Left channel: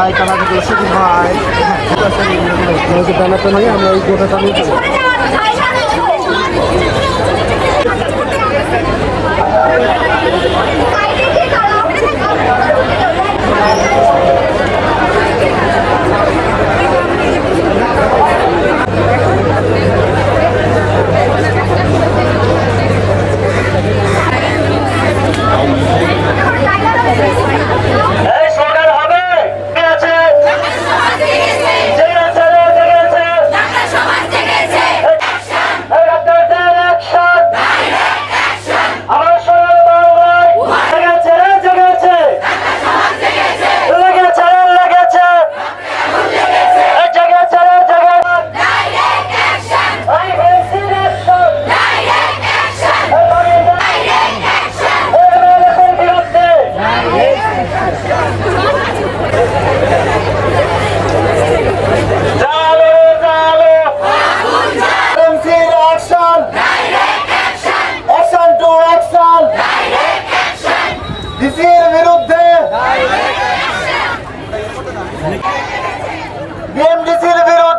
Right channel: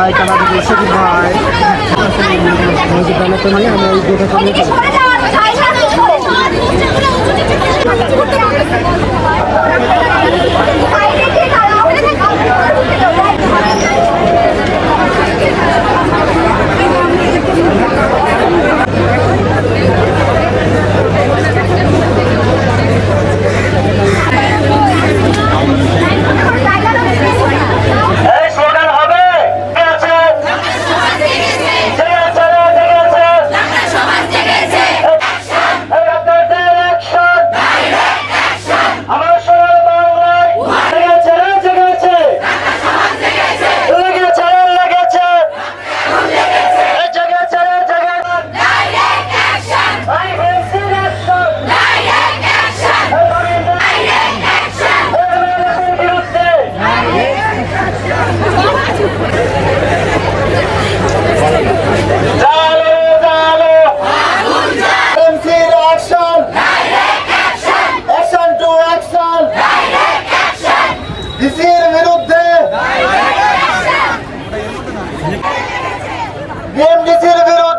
হয় তারা ওষুধ হয়। মেয়েদের নিয়ে মানে, আমরা এই গোটা ইসির বিরুদ্ধে বিএমডিসির বিরুদ্ধে